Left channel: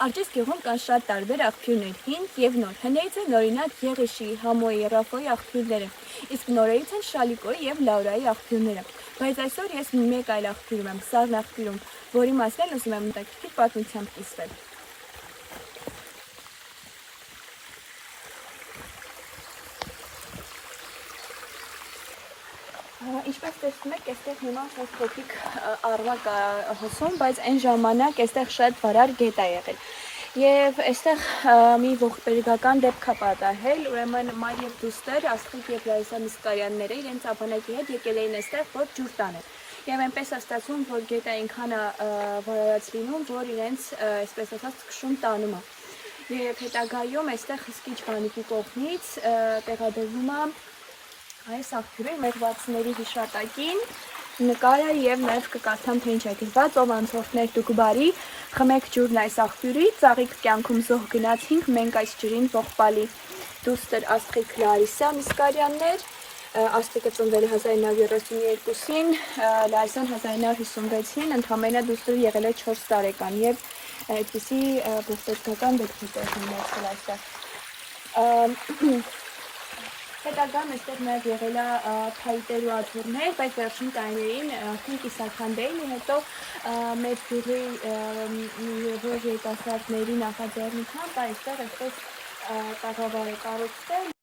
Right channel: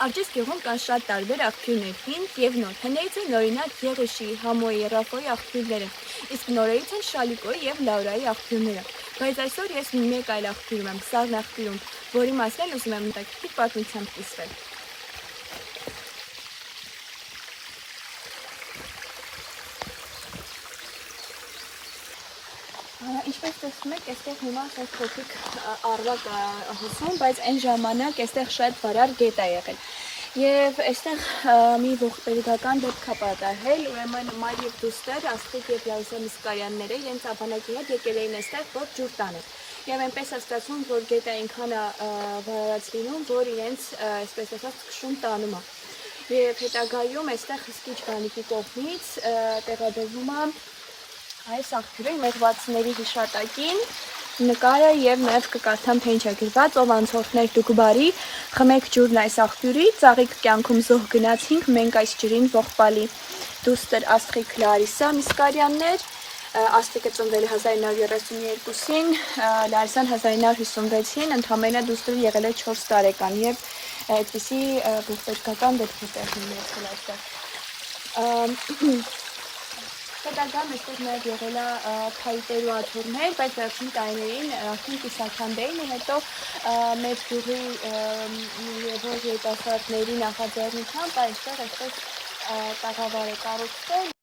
Արջես գյուղում կան շատ տարբեր աղբյուրներ, հին և նոր։ Հներից են օրինակ Եղիշի, Համոյի, Ռաֆոյի աղբյուրները, իսկ նորերից են Շալիկոյի և Լաուրայի աղբյուրները։ Բայց այսօր ես մեկ այլ աղբյուրում եմ, Սառն աղբյուրում, որի մասին ուզում եմ հետաքրքիր պատմությամբ կիսվել։ Ինչպես տեսնում եք, այստեղ հիմա շատ փոքրիկ առվա կա հոսում, բայց այն ժամանակ այստեղ շատ վարար գետ է եղել։ Եվ այստեղ մի ողբերգական դեպք է պատահել, ուրեմն մայր և դուստր Աստղիկ և Լարիսա Միսկարյանները իրենց աբանակի հետ եկել էին այստեղ, որ ջուր տանեն։ Եվ այնպես է ստացվում, որ գետը այնքան է վարարած լինում, որ իրենց, այսպես ասած, քշում տանում է։ Եվ հետագայում այստեղ Հսկիչ բանիկի կողմից տեղադրվում է այս աղբյուրի մեղվածների հիշատակին նկարը և նաև կկարդամ թե ինչ է գրված, ով անցորդներ դուք բարի, խմեք ջուրն այս աղբյուրի, ծաղիկ կյանքում զոհ գնացինք, մենք այս ջրին ողբալի։ Դուստր Աստղիկ Լարիսա Միսկարյաններ, Աստղիկը ծնվել է 1932-ին, Լարիսան 1956-ին, ընդամենը դուստր եղել է 4 տարեկան և այդպիսի ողբերգական դեպք է տեղի ունեցել այստեղ։ Հետագայում այստեղ նաև եղել է փայտեր ու աթոռներ, բայց վերջին տարիներին արդեն կիսաքանդ էին, հետո մեր գյուղի որ երիտասարդների նախաձեռնությամբ այստեղ այսպես տաղավար է կառուցվել։